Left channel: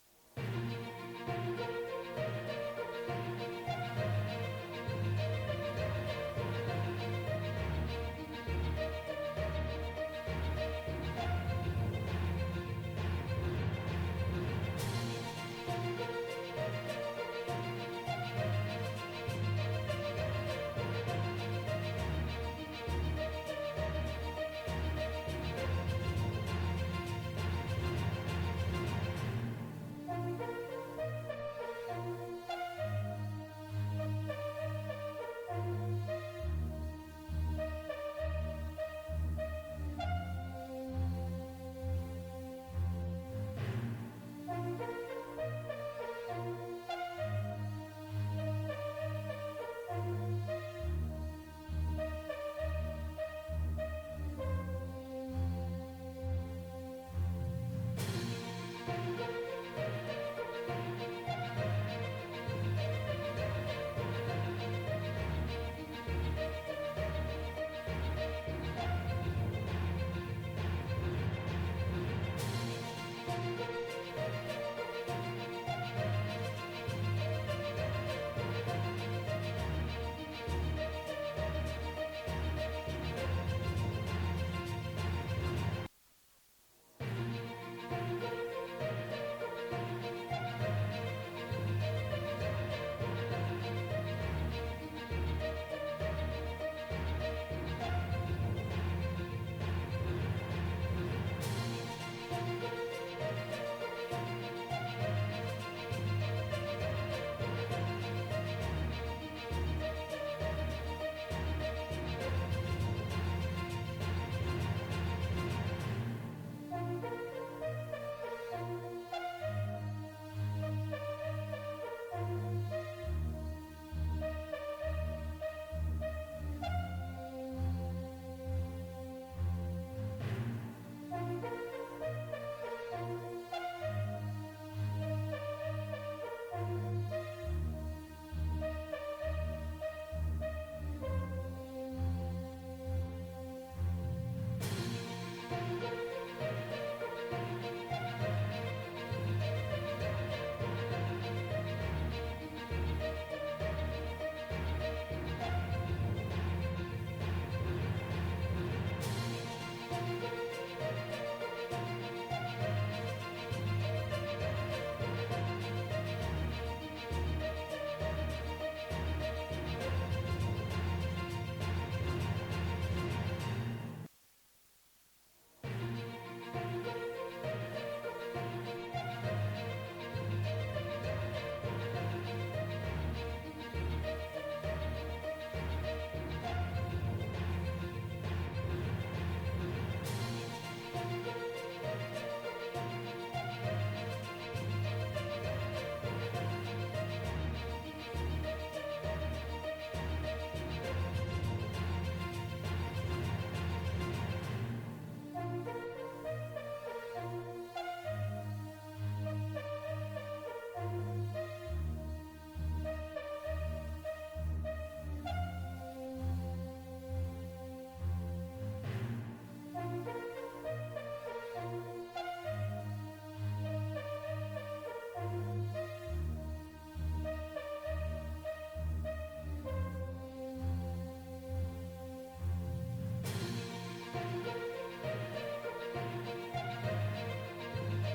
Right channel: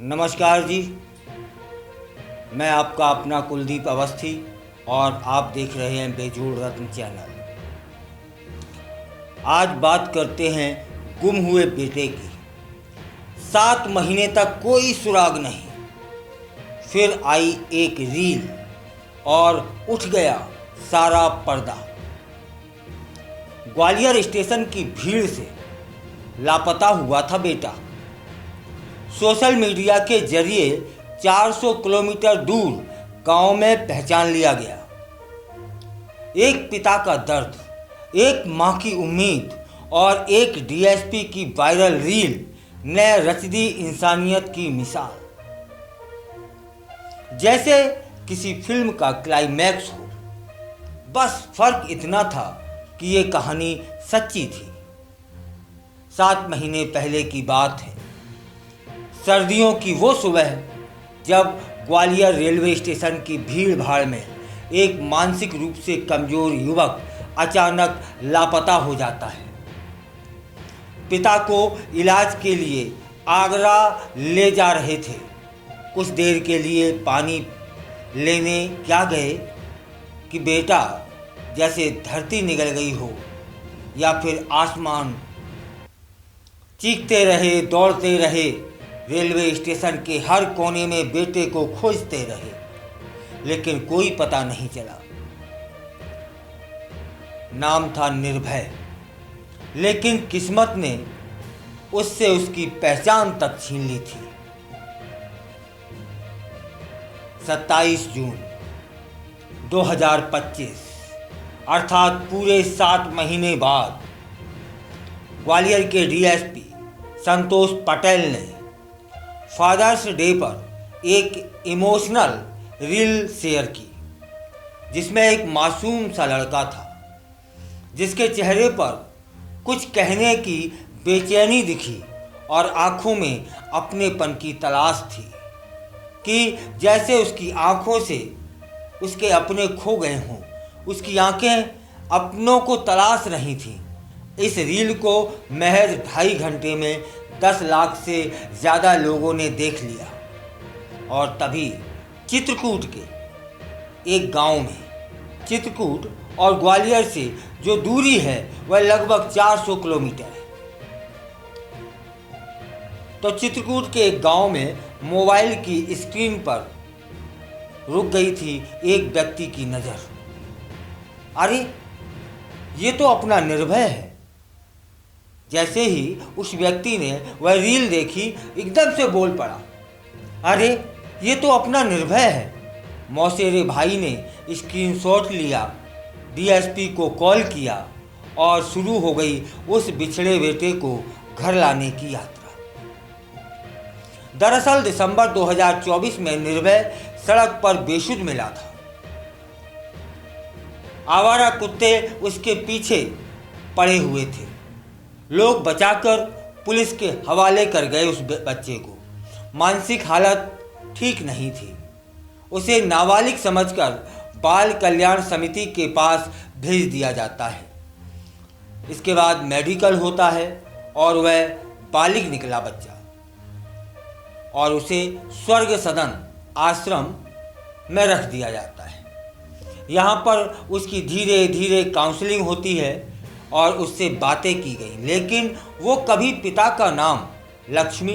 नमस्कार जी। मैं आपका अपना कुलदीप अवस्थी और आप देख रहे हैं बेजोड़ रत्न चैनल। आज बात करते हैं गुम हुए बेटे की। 7 महीने तक कोई सुराग नहीं। फिर आई एक रील और उठ गया सारा पर्दा। ग्वालियर स्टेशन की भीड़ से लापता हुआ था बेटा। सोशल मीडिया के जरिए 400 किलोमीटर दूर गांव में पहचान लिया गया। एक पिता का दर्द, एक मां की उम्मीद और एक डीएसपी की वायरल रील ने रच दी इंसानियत की मिसाल। जैसे किसी फिल्म का क्लाइमैक्स हो। बस फर्क इतना था कि ये कहानी सच्ची थी। 7 महीने पहले की बात है। सर्दियों की वो सुबह जब ग्वालियर रेलवे स्टेशन की भीड़ भाड़ में एक मानसिक रूप से कमजोर युवक अचानक लापता हो जाता है। पिता को इलाज के लिए आगरा ले जा रहे थे। कुछ देर के लिए पानी लेने क्या गए कि बेटा जैसे धरती निगल गई हो या फिर आसमान। चीखते रहे, दौड़ते रहे, रेलवे स्टेशन के हर कोने में बेटे को खोजते रहे, लेकिन कोई पता नहीं चला। नाम था निर्भय, लेकिन किस्मत ने उससे उसकी पहचान तक छीन ली थी। 27 जून 2025 अर्थात पूरे 7 महीने बाद ग्वालियर के डीएसपी संतोष पटेल ने फादर्स डे पर एक इमोशनल रील शेयर की, जिसमें एक मासूम सा लड़का था जिसके चेहरे पर कुछ कहने की बेचैनी दिखी और आंखों में अपनेपन की तलाश थी कि जैसे उसकी आंखों से उसके अपने खो गए हों। उसकी आंखें अपनों को तलाश रही थीं। इस रील को महज 2.5 घंटे में 10 लाख से ज़्यादा लोगों ने देख लिया। और तभी चित्रकूट के एक गांव में, चित्रकूट और ग्वालियर से जो दूरी है वह लगभग 400 किलोमीटर है, तो चित्रकूट के एक गांव में मोबाइल की स्क्रीन पर रुक गई थी एक व्यक्ति की नज़र। अरे ये तो अपना निर्भय है। जैसे ही उस व्यक्ति ने वह रील देखी, एकदम से बोल पड़ा, अरे ये तो अपना निर्भय है। मौसेरे भाई ने स्क्रीनशॉट लिया, डीएसपी को कॉल किया और शुरू हो गई उस बिछड़े बेटे को घर लाने की यात्रा। दरअसल दिसंबर 2024 में निर्भय सड़क पर बेसुध मिला था। आवारा कुत्ते उसके पीछे पड़े हुए थे। लोग बचाकर पुलिस के हवाले कर गए उस बच्चे को। मानसिक हालत ठीक नहीं थी। उसे नाबालिग समझकर बाल कल्याण समिति के पास भेज दिया जाता है। इसके बाद मेडिकल होता है और वह बालिग निकला बच्चा, और उसे स्वर्ग सदन आश्रम में रख दिया जाता है। यहाँ पर उसकी धीरे धीरे काउंसलिंग होती है और उससे बातें की गई, लेकिन वो कभी पिता का नाम लक्ष्मी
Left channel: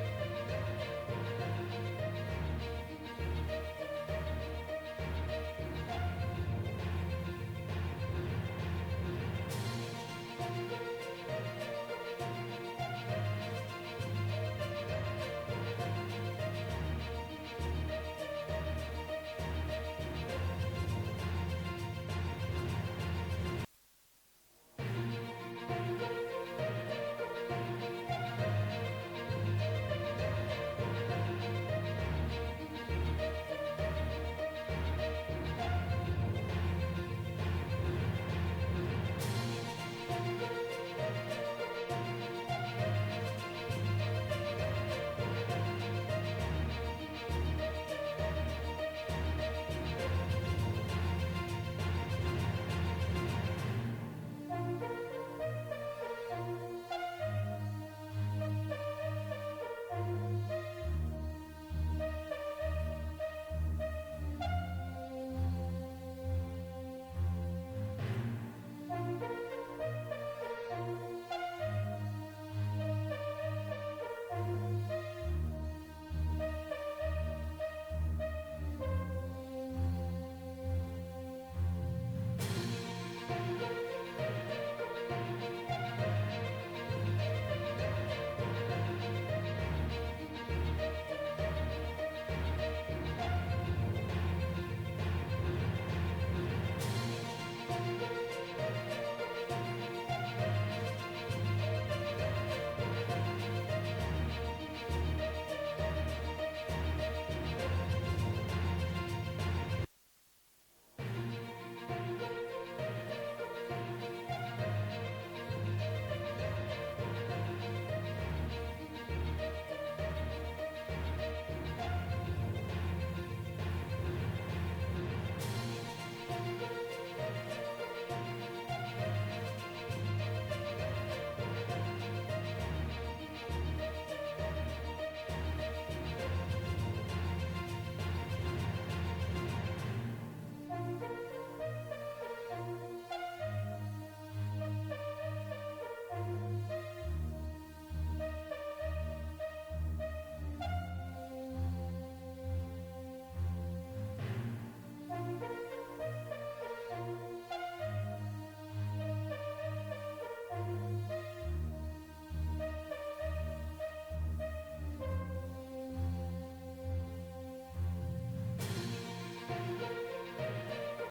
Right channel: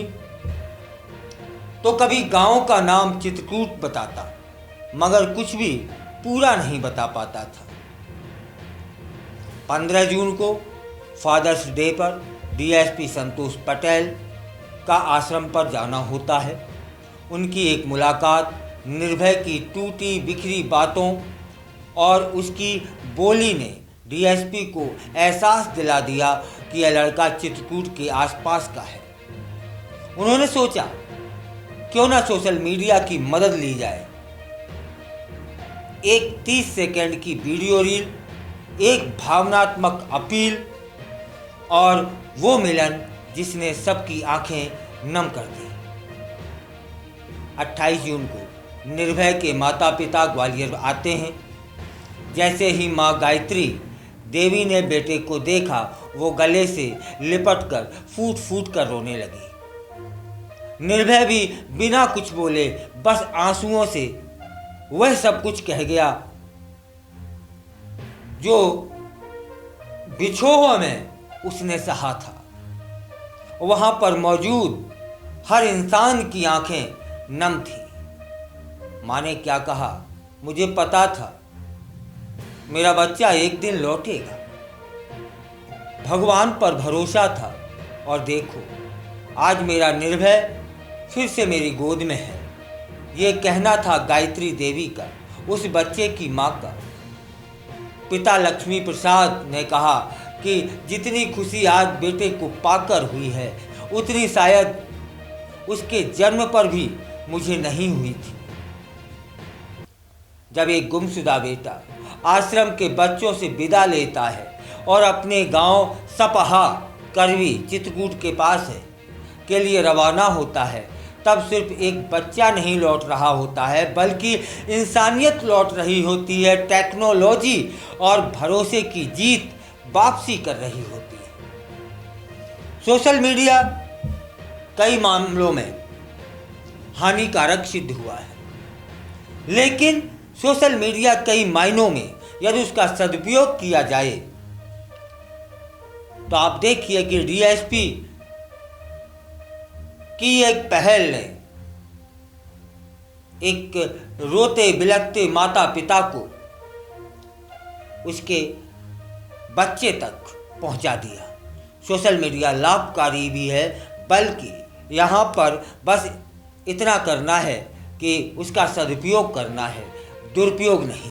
तो कभी गांव का नाम चित्रकूट बताता, मगर कुछ भी पूरा नहीं बता पाता था। 15 जून को फादर्स डे पर डीएसपी संतोष पटेल का आश्रम पर जाना होता है। उनकी एक मुलाकात निर्भय की टूटी बिखरी बातों और उसकी बोली ने डीएसपी को एहसास दिला दिया कि यह लड़का चित्रकूट के आसपास का है। उन्होंने सोचा क्यों ना सोशल मीडिया की मदद ली जाए। एक 30 सेकंड की वीडियो रील, एक भावनात्मक अपील और वो मिलन जिसने सबकी आंखें नम कर दी। 28 जून को निर्भय के माता पिता ग्वालियर आते हैं। जैसे ही माँ गायत्री देवी ने बेटे को देखा, वो गले से लिपटकर फूट फूट कर रोने लगी। निर्भय भी बिना कुछ बोले बस आंसुओं से वह सब कुछ कह गया जो बिछोह में उसने सहा था। वहां पर मौजूद हर इंसान की आंखें नम थी। माँ ने क्या कहा, मुझे पता था मेरा बच्चा एक दिन लौटेगा। भगवान पर भरोसा था और देखो आज मेरा निर्भय फिर से मेरी गोद में है। ये कहना था गायत्री देवी का, उस बच्चे की माँ का। पिता लक्ष्मी प्रसाद ने कहा कि जितनी खुशी आज बेटे को पाकर हुई है उतनी शायद उसके जन्म पर भी मुझे नहीं हुई थी। जब एक गुमशुदा बेटा आश्रम के बच्चों से विदा लेता है और अपने गांव सपहा करवी चित्रकूट के पास है के लिए रवाना होता है, तब सिर्फ एक बच्चा नहीं लौट रहा होता है बल्कि इंसानियत लौट रही होती है। टेक्नोलॉजी और भरोसे की जीत वापसी कर रही होती है। सोशल मीडिया कई मामलों में हानिकारक सिद्ध हुआ है, लेकिन सोशल मीडिया कई मायनों में यदि उसका सदुपयोग किया जाए तो आप देखिए कि डीएसपी की एक पहल ने एक रोते बिलखते माता पिता को उसके बच्चे तक पहुंचा दिया। सोशल मीडिया लाभकारी भी है, बल्कि यहाँ पर बस इतना करना है कि उसका सदुपयोग करना है, दुरुपयोग नहीं।